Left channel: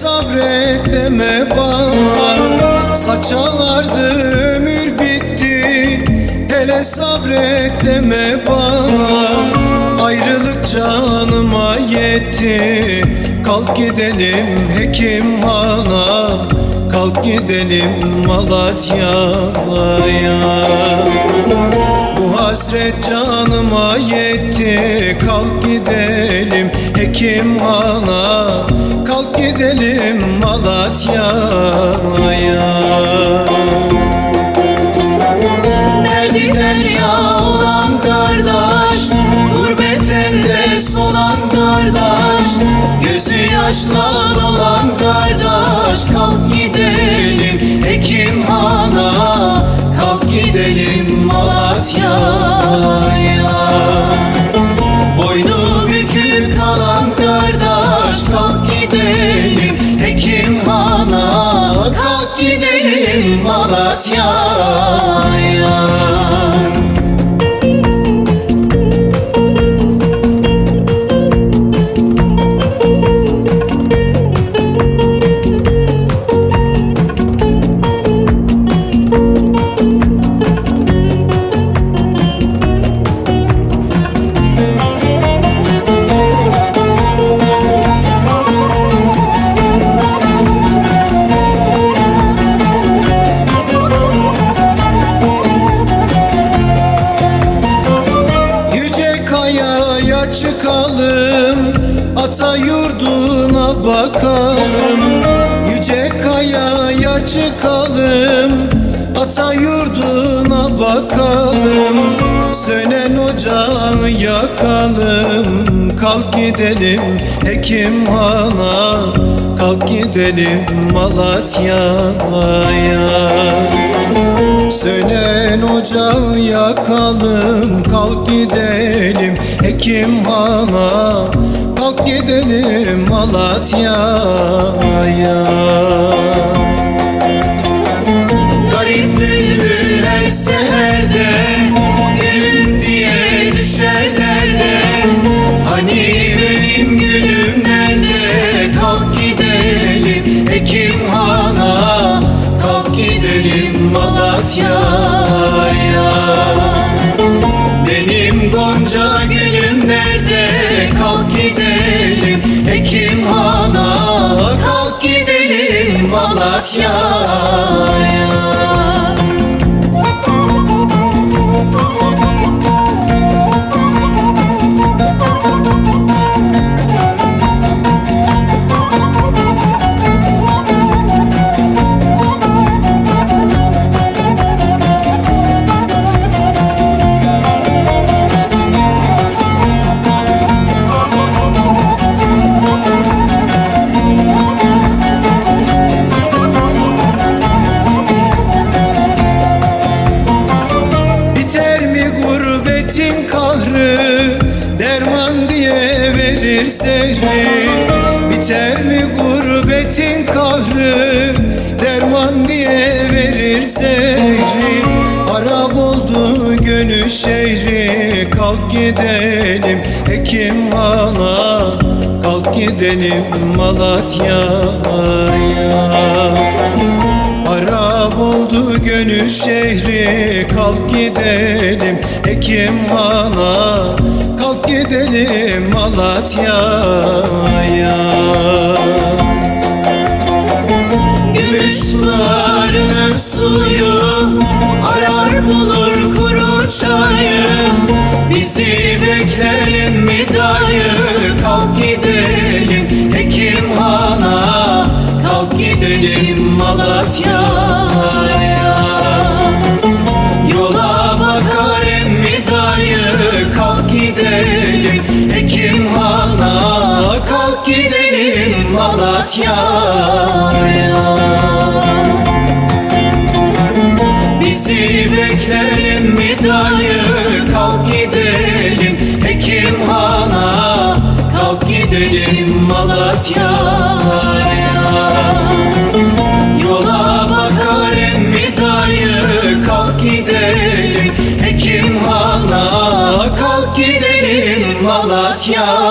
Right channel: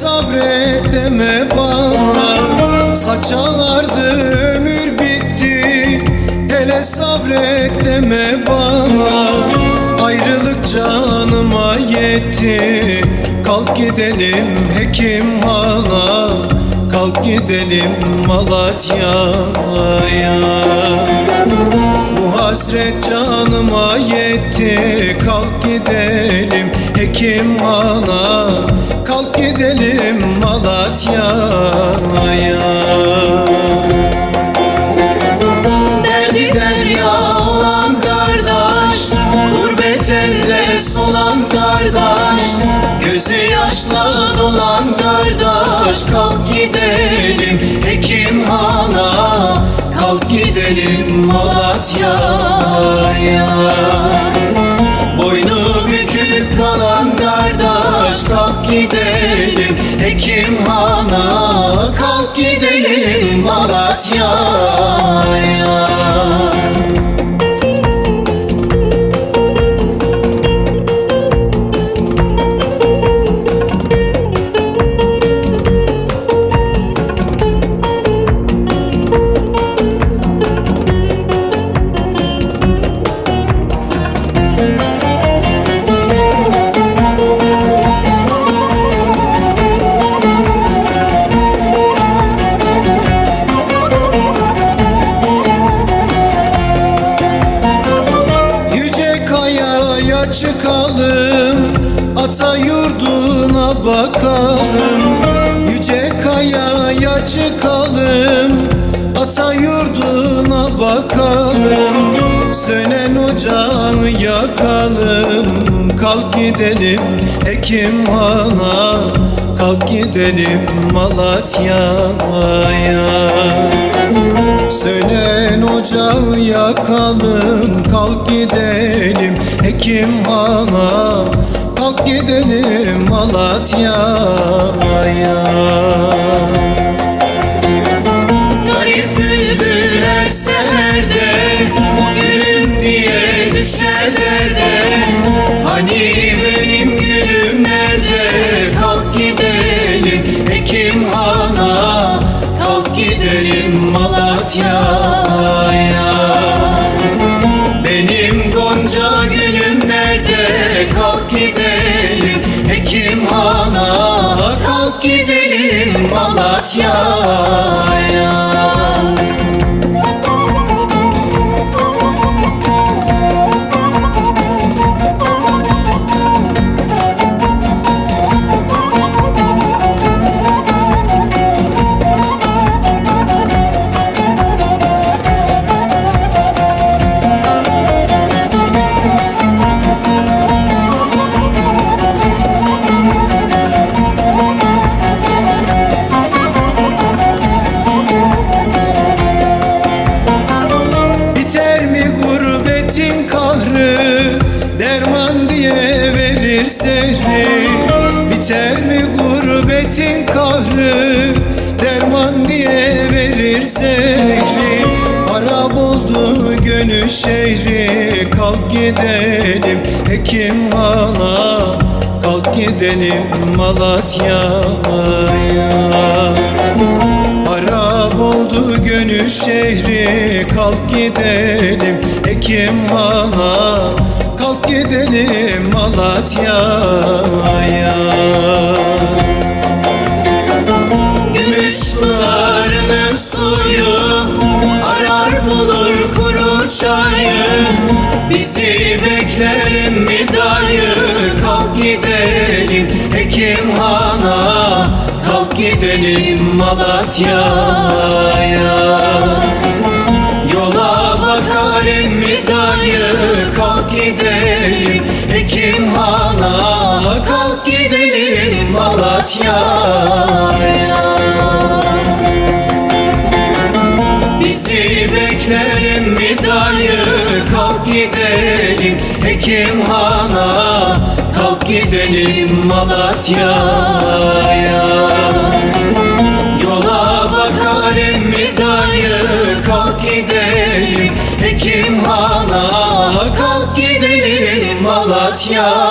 Sabret deme bana. Saçardı ömür bitti Hele sabret deme bana. Ayrılık canıma yetti Kalk gidelim hekim hana Kalk gidelim Malatya'ya bu hasret canıma yetti. Kalk gidelim hekim ana Kalk gidelim Malatya'ya Derdi derya olan kardeş Gurbet elde solan kardeş Gözü yaşla dolan kardeş Kalk gidelim Malatya'ya çıkalım Ata yurduna bakalım Yüce kayaya çıkalım Ata yurduna bakalım Sönen ocağı yakalım Kalk gidelim hekim hana Kalk gidelim Malatya'ya. Sönen ocağı yakalım Kalk gidelim hekim hana Kalk gidelim Malatya'ya Malatya'ya Biter kahrı Derman diye verir sehri Biter mi gurbetin kahrı Derman diye verir sehri Harap oldu gönül şehri Kalk gidelim hekim hana Kalk gidelim Malatya'ya oldu gönül şehri Kalk gidelim hekim hana Kalk gidelim Malatya'ya Gümüş pınarın öz suyu Arar bulur kuru çayı Gidelim Malatya'ya. Yola bakar emmi dayı Kalk gidelim. Hekim hana Kalk gidelim Malatya'ya. Bizi bekler emmi dayı Kalk gidelim. Hekim hana Kalk gidelim Malatya'ya Bakar emmi dayı Kalk gidelim. Hekim hana Kalk gidelim. Malatya'ya